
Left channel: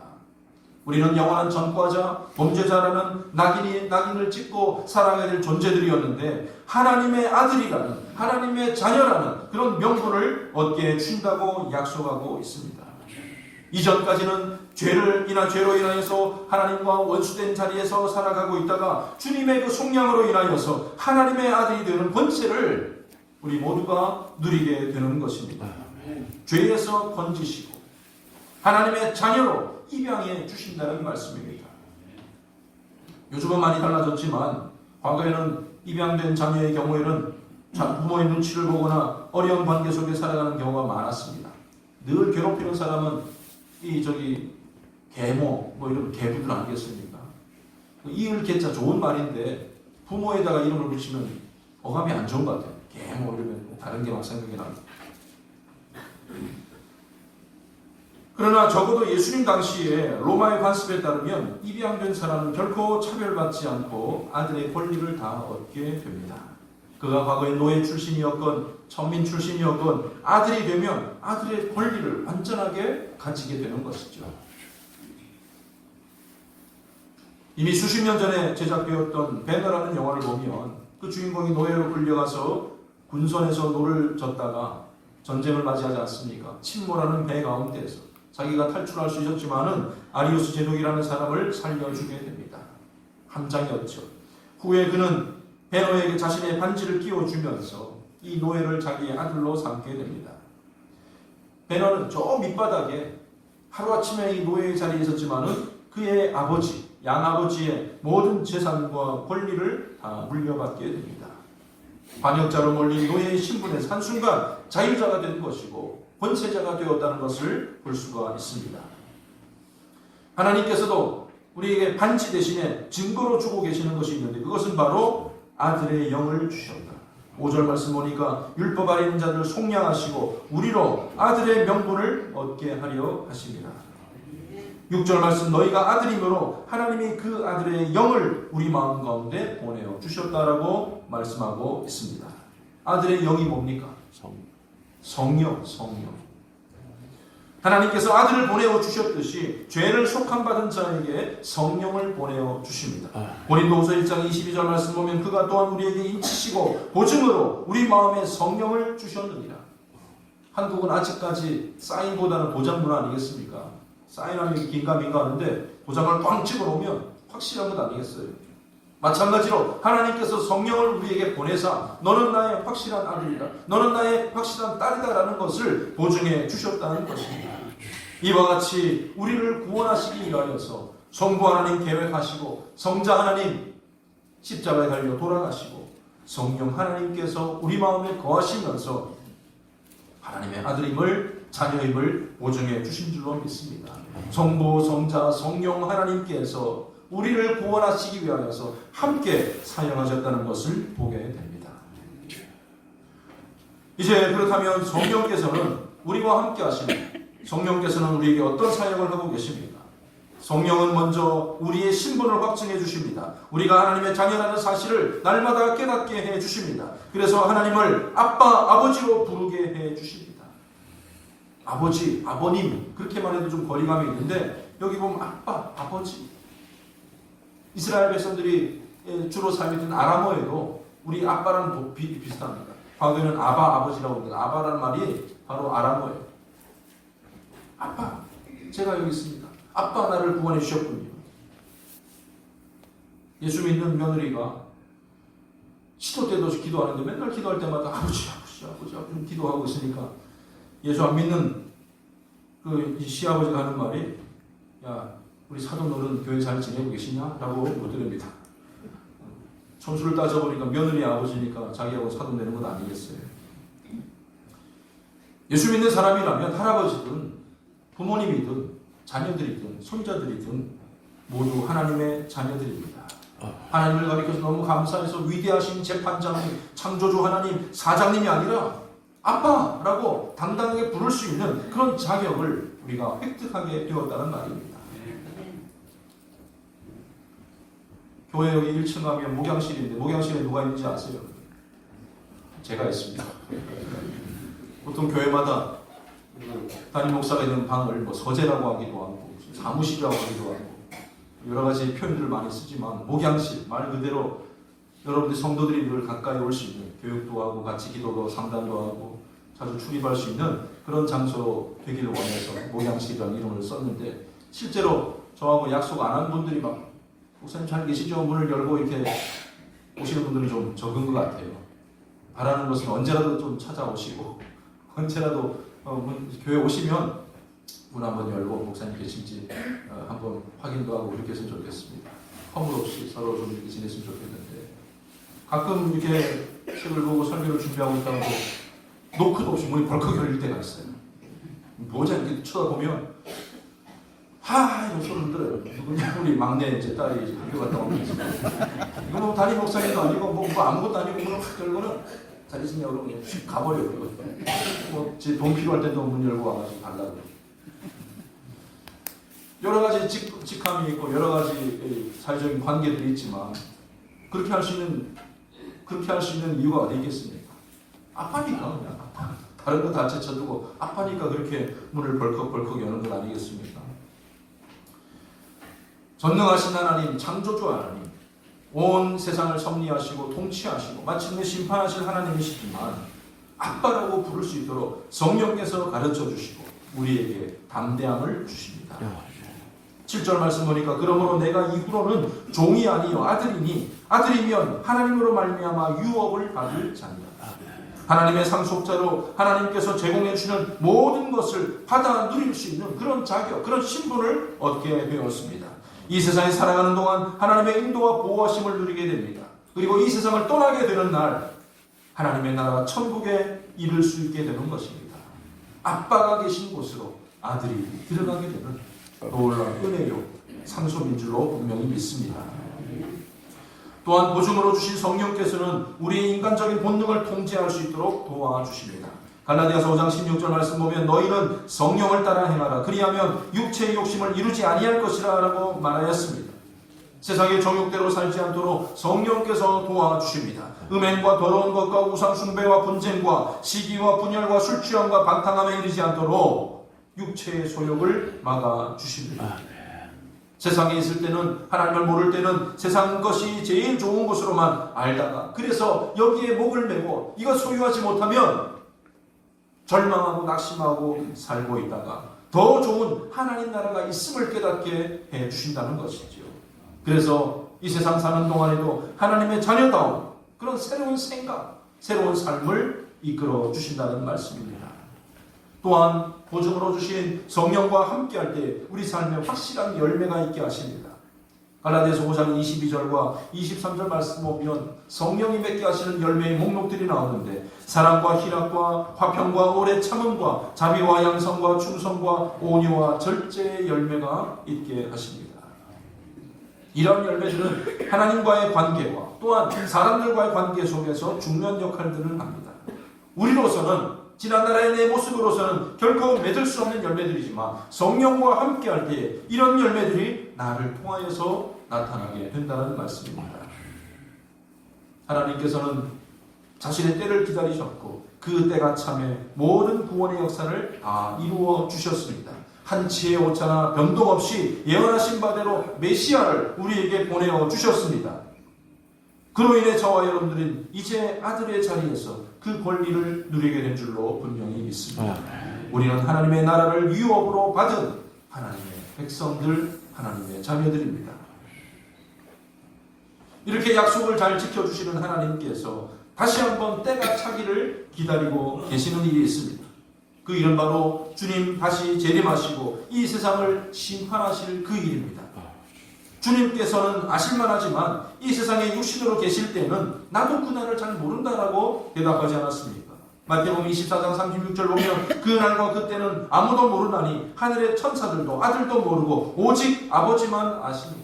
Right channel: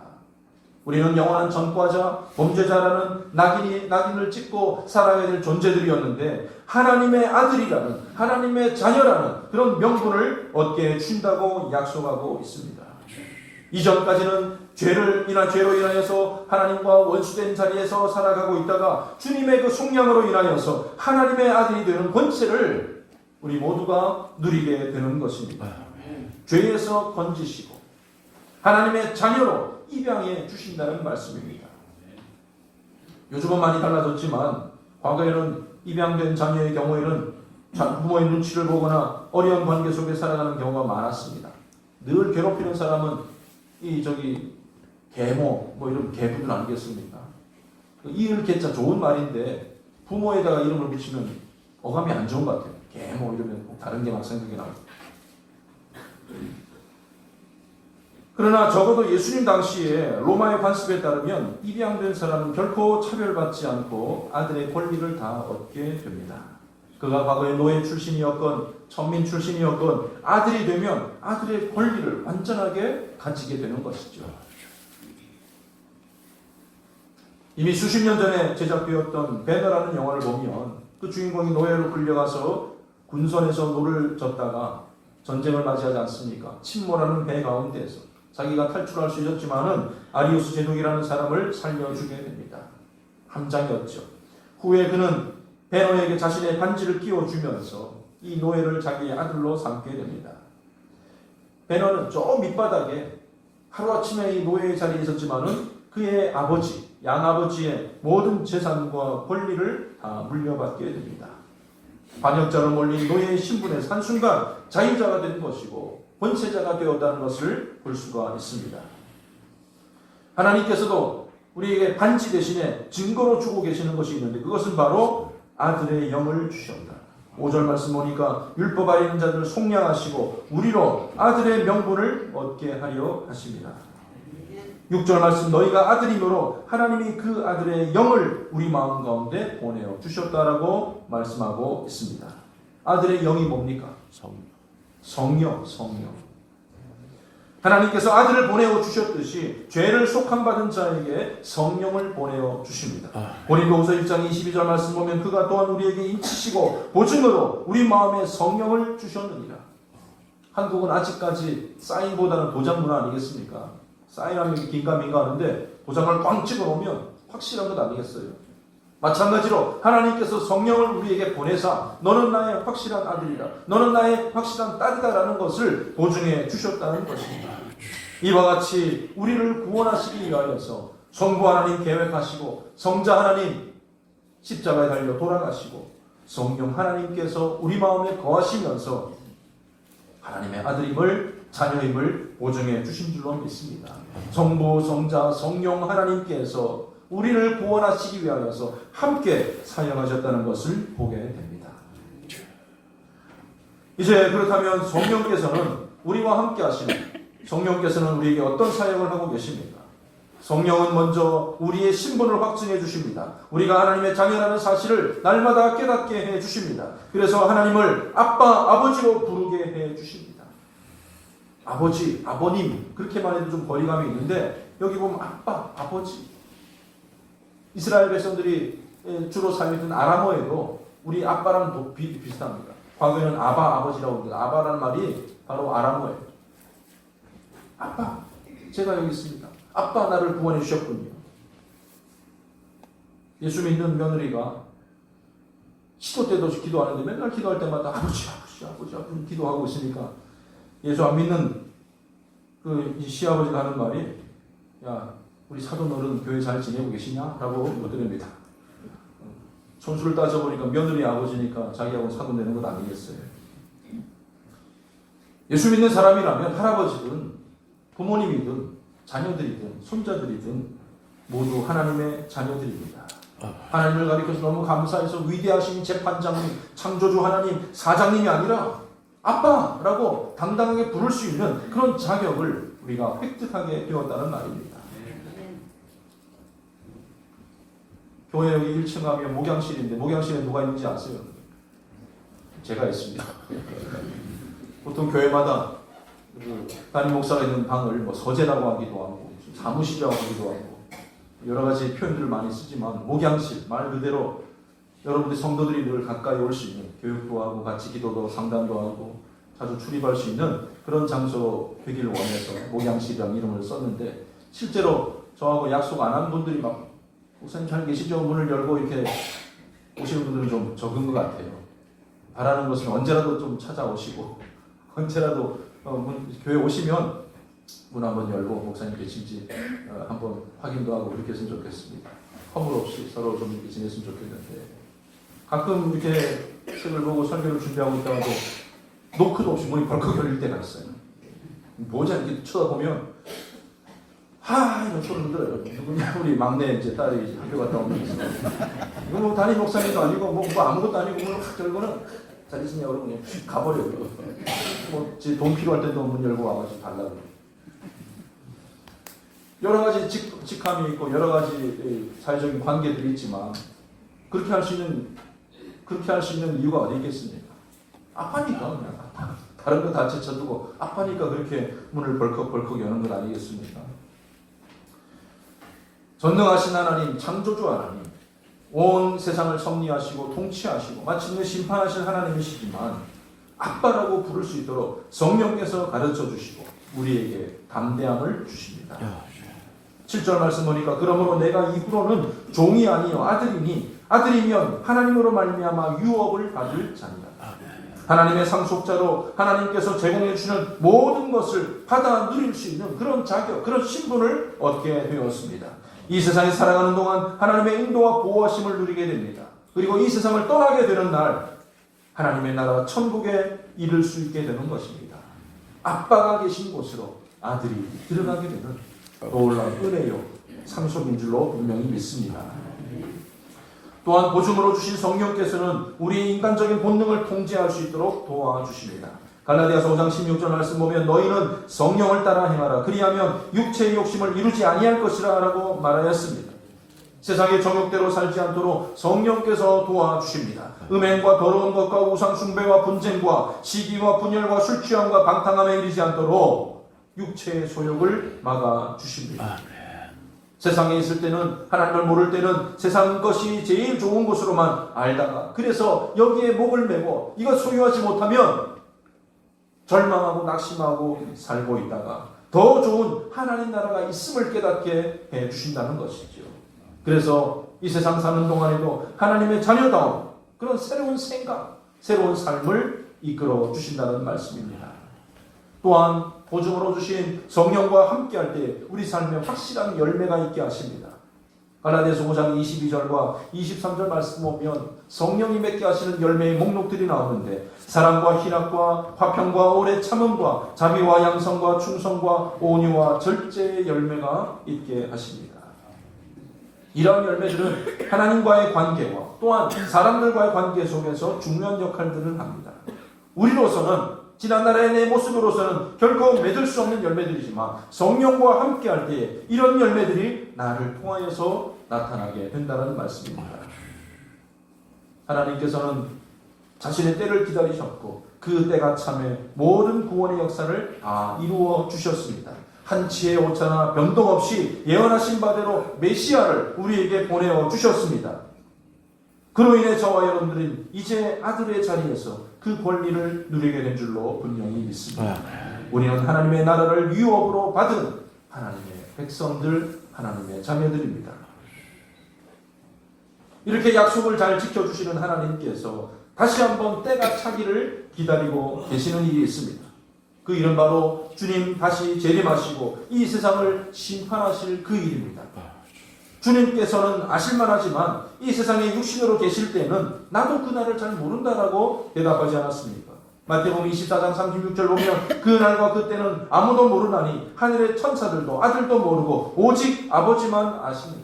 우리는 영원한 전과자, 범죄자라는 낙인을 찍고 살아야 될 존재들이었는데 하나님의 아들이라는, 하나님의 자녀라는 그런 명분을 얻게 해준다고 약속하고 있습니다. 이전까지는 죄로 인하여서 하나님과 원수된 자리에서 살아가고 있다가 주님의 그 속량으로 인하여서 하나님의 아들이 되는 권세를 우리 모두가 누리게 되는 것입니다. 죄에서 건지시고 하나님의 자녀로 입양해 주신다는 말씀입니다. 요즘은 많이 달라졌지만 과거에는 입양된 자녀의 경우에는 부모의 눈치를 보거나 어려운 관계 속에 살아가는 경우가 많았습니다. 늘 괴롭히는 사람은 계모 이런 계부분 아니겠습니까? 이을 개자 좋은 말인데 부모에다가 이름을 붙이면 어감이 안 좋은 것 같아요. 계모 이러면 다른 게 막 생각이 나요. 그러나 적어도 예수님 당시에 로마의 관습에 따르면 입양된 사람은 결코 차별받지 않고 아들의 권리를 다 얻게 됩니다. 그가 과거에 노예 출신이었건 천민 출신이었건 아들이 되면 아들의 권리를 완전하게 가지게 되는 것이죠. 이미 수십 년 전에 제작되었던 배너라는 영화를 보면 그 주인공이 노예로 끌려가서 군선에서 노를 졌다가 전쟁을 맞이하지 않습니까? 침몰하는 배 가운데에서 자기가 탈출할 수 있었지만은 아리우스 제독이라는 사람을 살려주게 됩니다. 함장이었죠. 후에 그는 배너에게 자신의 반지를 끼워주면서 이 노예를 자기의 아들로 삼게 됩니다. 배너는 저 밑바닥에 하루아침에 이 노예의 자리에 있었지만은 그의 아버지, 양아버지의 모든 재산과 권리를 다 물려받게 됩니다. 반역자로 몰린 노예의 신분에서 한순간 자유자가 된 것이고 권세자가 되었다는 것을 볼 수가 있습니다. 하나님께서도 우리에게 반지 대신에 증거로 주고 계시는 것이 있는데 그것은 바로 아들의 영을 주셨다. 5절 말씀 보니까 율법 아래 있는 자들을 속량하시고 우리로 아들의 명분을 얻게 하려 하십니다. 6절 말씀 너희가 아들이므로 하나님이 그 아들의 영을 우리 마음 가운데 보내어 주셨다라고 말씀하고 있습니다. 아들의 영이 뭡니까? 성령. 하나님께서 아들을 보내어 주셨듯이 죄를 속함받은 자에게 성령을 보내어 주십니다. 고린도후서 1장 22절 말씀 보면 그가 또한 우리에게 인치시고 보증으로 우리 마음에 성령을 주셨느니라. 한국은 아직까지 사인보다는 도장 문화 아니겠습니까? 사인하면 긴가민가 하는데 도장을 꽝 찍어 놓으면 확실한 것 아니겠어요? 마찬가지로 하나님께서 성령을 우리에게 보내사 너는 나의 확실한 아들이다, 너는 나의 확실한 딸이다라는 것을 보증해 주셨다는 것입니다. 이와 같이 우리를 구원하시기 위하여서 성부 하나님 계획하시고 성자 하나님 십자가에 달려 돌아가시고 성령 하나님께서 우리 마음에 거하시면서 하나님의 아들임을 자녀임을 보증해 주신 줄로 믿습니다. 성부, 성자, 성령 하나님께서 우리를 구원하시기 위하여서 함께 사용하셨다는 것을 보게 됩니다. 이제 그렇다면 성령께서는 우리와 함께 하시는 성령께서는 우리에게 어떤 사역을 하고 계십니까? 성령은 먼저 우리의 신분을 확증해 주십니다. 우리가 하나님의 자녀라는 사실을 날마다 깨닫게 해 주십니다. 그래서 하나님을 아빠, 아버지로 부르게 해 주십니다. 아버지, 아버님 그렇게만 해도 좀 거리감이 있는데 여기 보면 아빠, 아버지. 이스라엘 백성들이 주로 사용했던 아람어에도 우리 아빠랑 비슷합니다. 과거에는 아바, 아버지라고 합니다. 아바라는 말이 바로 아람어예요. 아빠, 제가 여기 있습니다. 아빠 나를 구원해 주셨군요. 예수 믿는 며느리가 시도 때도 기도하는데 맨날 기도할 때마다 아버지 기도하고 있으니까 예수 안 믿는 이 시아버지가 하는 말이 야 우리 사돈 어른 교회 잘 지내고 계시냐? 라고 묻드립니다. 총수를 따져보니까 며느리 아버지니까 자기하고 사돈 되는 건 아니겠어요. 예수 믿는 사람이라면 할아버지든 부모님이든 자녀들이든 손자들이든 모두 하나님의 자녀들입니다. 하나님을 가리켜서 너무 감사해서 위대하신 재판장님, 창조주 하나님, 사장님이 아니라 아빠라고 당당하게 부를 수 있는 그런 자격을 우리가 획득하게 되었다는 말입니다. 교회 여기 1층 가면 목양실인데 목양실에 누가 있는지 아세요? 제가 있습니다. 보통 교회마다 담임 목사가 있는 방을 서재라고 하기도 하고 사무실이라고 하기도 하고 여러 가지 표현들을 많이 쓰지만 목양실 말 그대로 여러분들 성도들이 늘 가까이 올 수 있는 교육도 하고 같이 기도도 상담도 하고 자주 출입할 수 있는 그런 장소로 되기를 원해서 목양실이라는 이름을 썼는데 실제로 저하고 약속 안 한 분들이 막 목사님 잘 계시죠? 문을 열고 이렇게 오시는 분들은 좀 적은 것 같아요. 바라는 것은 언제라도 좀 찾아오시고 언제라도 교회 오시면 문 한번 열고 목사님 계신지 한번 확인도 하고 그렇게 했으면 좋겠습니다. 허물 없이 서로 좀 이렇게 지냈으면 좋겠는데 가끔 이렇게 책을 보고 설교를 준비하고 있다가도 노크도 없이 문이 벌컥 열릴 때가 있어요. 모자 이렇게 쳐다보면 이런 소리를 들어요. 누구냐 우리 막내 이제 딸이 이제 학교 갔다 오면서 이거 뭐 담임 목사님도 아니고 뭐 아무것도 아니고 문을 확 열고는 잘 있으냐 그러고 그냥 휙 가버려요. 돈 필요할 때도 문 열고 와가지고 달라고. 여러 가지 직함이 있고 여러 가지 사회적인 관계들이 있지만 그렇게 할 수 있는 이유가 어디 있겠습니까? 아파니까 그냥 다른 거 다 제쳐두고 아파니까 그렇게 문을 벌컥벌컥 여는 건 아니겠습니까? 전능하신 하나님, 창조주 하나님, 온 세상을 섭리하시고 통치하시고 마침내 심판하실 하나님이시지만 아빠라고 부를 수 있도록 성령께서 가르쳐 주시고 우리에게 담대함을 주십니다. 7절 말씀 보니까 그러므로 내가 이후로는 종이 아니요 아들이니 아들이면 하나님으로 말미암아 유업을 받을 자니라. 하나님의 상속자로 하나님께서 제공해 주는 모든 것을 받아 누릴 수 있는 그런 자격, 그런 신분을 얻게 되었습니다. 이 세상에 살아가는 동안 하나님의 인도와 보호하심을 누리게 됩니다. 그리고 이 세상을 떠나게 되는 날 하나님의 나라 천국에 이를 수 있게 되는 것입니다. 아빠가 계신 곳으로 아들이 들어가게 되는 놀라운 은혜요 상속인 줄로 분명히 믿습니다. 또한 보증으로 주신 성령께서는 우리의 인간적인 본능을 통제할 수 있도록 도와주십니다. 갈라디아서 5장 16절 말씀 보면 너희는 성령을 따라 행하라 그리하면 육체의 욕심을 이루지 아니할 것이라 라고 말하였습니다. 세상의 정욕대로 살지 않도록 성령께서 도와주십니다. 음행과 더러운 것과 우상 숭배와 분쟁과 시기와 분열과 술 취함과 방탕함에 이르지 않도록 육체의 소욕을 막아주십니다. 세상에 있을 때는 하나님을 모를 때는 세상 것이 제일 좋은 것으로만 알다가 그래서 여기에 목을 메고 이거 소유하지 못하면 절망하고 낙심하고 살고 있다가 더 좋은 하나님 나라가 있음을 깨닫게 해주신다는 것이죠. 그래서 이 세상 사는 동안에도 하나님의 자녀다운 그런 새로운 생각, 새로운 삶을 이끌어 주신다는 말씀입니다. 또한 보증으로 주신 성령과 함께할 때 우리 삶에 확실한 열매가 있게 하십니다. 갈라디아서 5장 22절과 23절 말씀 보면 성령이 맺게 하시는 열매의 목록들이 나오는데 사랑과 희락과 화평과 오래 참음과 자비와 양성과 충성과 온유와 절제의 열매가 있게 하십니다. 이러한 열매들은 하나님과의 관계와 또한 사람들과의 관계 속에서 중요한 역할들을 합니다. 우리로서는 지난날의 내 모습으로서는 결코 맺을 수 없는 열매들이지만 성령과 함께할 때 이런 열매들이 나를 통하여서 나타나게 된다는 말씀입니다. 하나님께서는 자신의 때를 기다리셨고 그 때가 참에 모든 구원의 역사를 다 이루어 주셨습니다. 한치의 오차나 변동 없이 예언하신 바대로 메시아를 우리에게 보내어 주셨습니다. 그로 인해 저와 여러분들은 이제 아들의 자리에서 그 권리를 누리게 된 줄로 분명히 믿습니다. 우리는 하나님의 나라를 유업으로 받은 하나님의 백성들, 하나님의 자녀들입니다. 이렇게 약속을 잘 지켜주시는 하나님께서 다시 한번 때가 차기를 기다리고 계시는 일이 있습니다. 그 일은 바로 주님 다시 재림하시고 이 세상을 심판하실 그 일입니다. 주님께서는 아실만하지만 이 세상에 육신으로 계실 때는 나도 그날을 잘 모른다라고 대답하지 않았습니까? 마태복음 24장 36절 보면 그날과 그때는 아무도 모르나니 하늘의 천사들도 아들도 모르고 오직 아버지만 아십니다.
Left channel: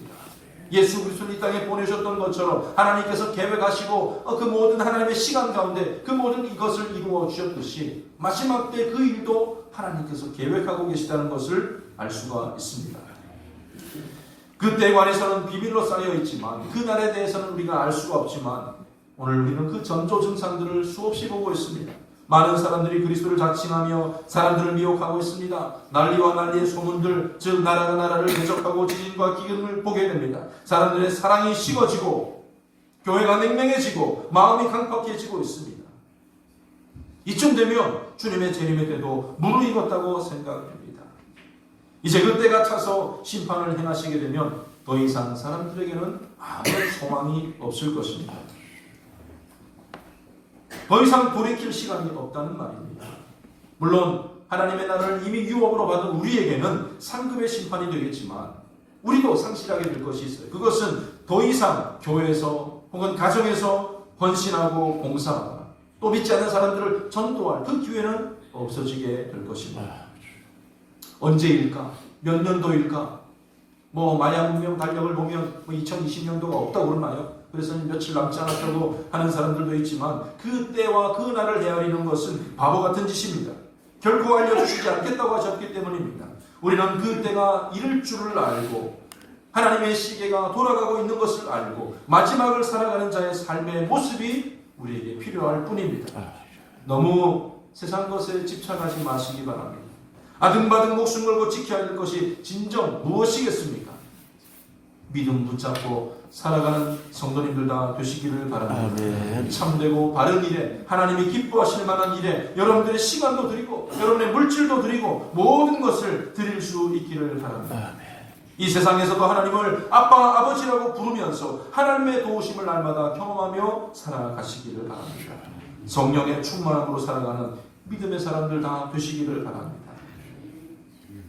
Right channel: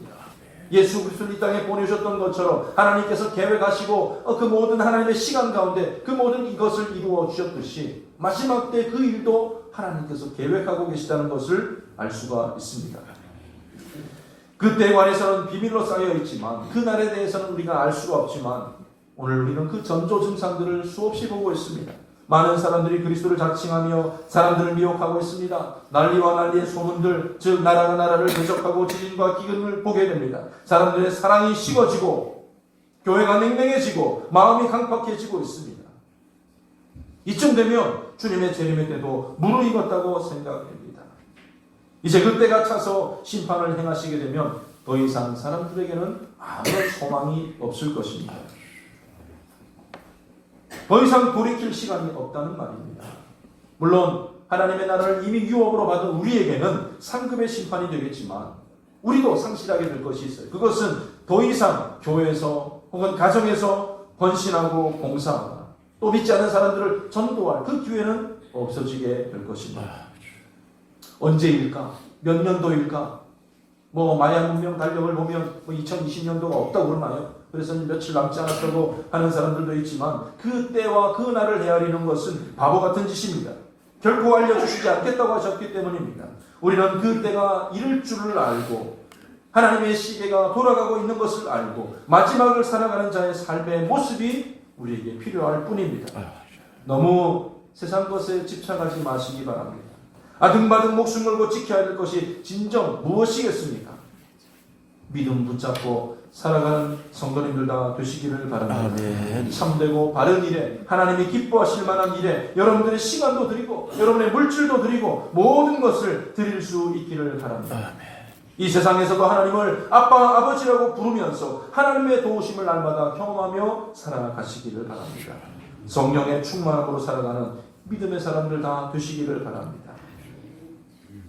예수 그리스도를 이 땅에 보내셨던 것처럼 하나님께서 계획하시고 그 모든 하나님의 시간 가운데 그 모든 이것을 이루어 주셨듯이 마지막 때 그 일도 하나님께서 계획하고 계시다는 것을 알 수가 있습니다. 그때에 관해서는 비밀로 쌓여 있지만 그날에 대해서는 우리가 알 수가 없지만 오늘 우리는 그 전조 증상들을 수없이 보고 있습니다. 많은 사람들이 그리스도를 자칭하며 사람들을 미혹하고 있습니다. 난리와 난리의 소문들, 즉 나라가 나라를 대적하고 지진과 기근을 보게 됩니다. 사람들의 사랑이 식어지고 교회가 냉랭해지고 마음이 강팍해지고 있습니다. 이쯤 되면 주님의 재림의 때도 무르익었다고 생각됩니다. 이제 그때가 차서 심판을 행하시게 되면 더 이상 사람들에게는 아무런 소망이 없을 것입니다. 더 이상 돌이킬 시간이 없다는 말입니다. 물론 하나님의 나라를 이미 유업으로 받은 우리에게는 상급의 심판이 되겠지만 우리도 상실하게 될 것이 있어요. 그것은 더 이상 교회에서 혹은 가정에서 헌신하고 봉사하거나 또 믿지 않는 사람들을 전도할 그 기회는 없어지게 될 것입니다. 언제일까? 몇 년도일까? 마야 문명 달력을 보면 2020년도가 없다고 그러나요? 그래서 며칠 남지 않았다고 하는 사람들도 있지만 그 때와 그 날을 헤아리는 것은 바보 같은 짓입니다. 결코 알려주시지 않겠다고 하셨기 때문입니다. 우리는 그 때가 이를 줄을 알고 하나님의 시계가 돌아가고 있는 것을 알고 마지막을 살아가는 자의 삶의 모습이 우리에게 필요할 뿐입니다. 너무 세상 것에 집착하지 마시기 바랍니다. 아등바등 목숨 걸고 지켜야 할 것이 진정 무엇이겠습니까? 믿음 붙잡고 살아가는 성도님들 다 되시기를 바랍니다. 아멘. 참되고 바른 일에 하나님이 기뻐하실 만한 일에 여러분들의 시간도 드리고 여러분의 물질도 드리고 모든 것을 드릴 수 있기를 바랍니다. 아멘. 이 세상에서도 하나님을 아빠 아버지라고 부르면서 하나님의 도우심을 날마다 경험하며 살아가시기를 바랍니다. 성령의 충만함으로 살아가는 믿음의 사람들 다 되시기를 바랍니다.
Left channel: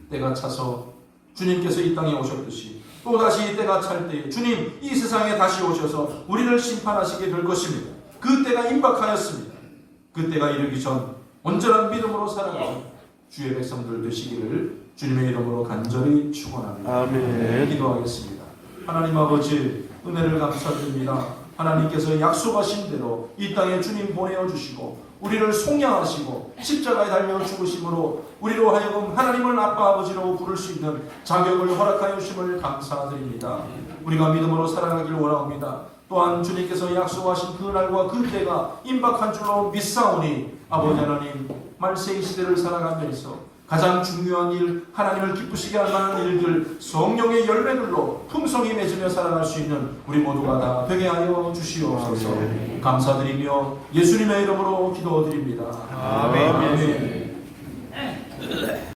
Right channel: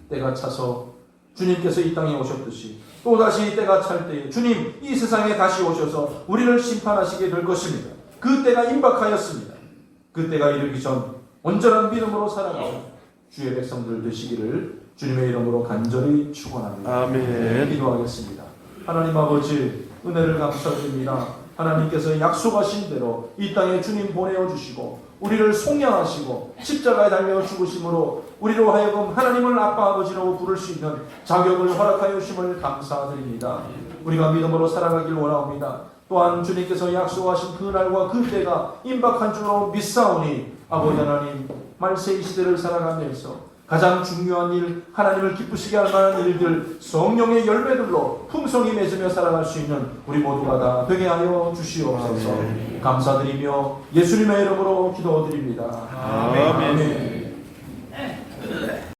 때가 차서 주님께서 이 땅에 오셨듯이 또다시 때가 찰 때에 주님 이 세상에 다시 오셔서 우리를 심판하시게 될 것입니다. 그 때가 임박하였습니다. 그 때가 이르기 전 온전한 믿음으로 살아가는 주의 백성들 되시기를 주님의 이름으로 간절히 축원합니다. 아멘. 기도하겠습니다. 하나님 아버지 은혜를 감사드립니다. 하나님께서 약속하신 대로 이 땅에 주님 보내어주시고 우리를 속량하시고 십자가에 달려 죽으심으로 우리로 하여금 하나님을 아빠 아버지라고 부를 수 있는 자격을 허락하여 주심을 감사드립니다. 우리가 믿음으로 살아가길 원합니다. 또한 주님께서 약속하신 그날과 그 때가 임박한 줄로 믿사오니 아버지 하나님 말세 이 시대를 살아가면서 가장 중요한 일, 하나님을 기쁘시게 할 만한 일들, 성령의 열매들로 풍성히 맺으며 살아갈 수 있는 우리 모두가 다 되게 하여 주시옵소서. 감사드리며 예수님의 이름으로 기도드립니다. 아멘. 아멘.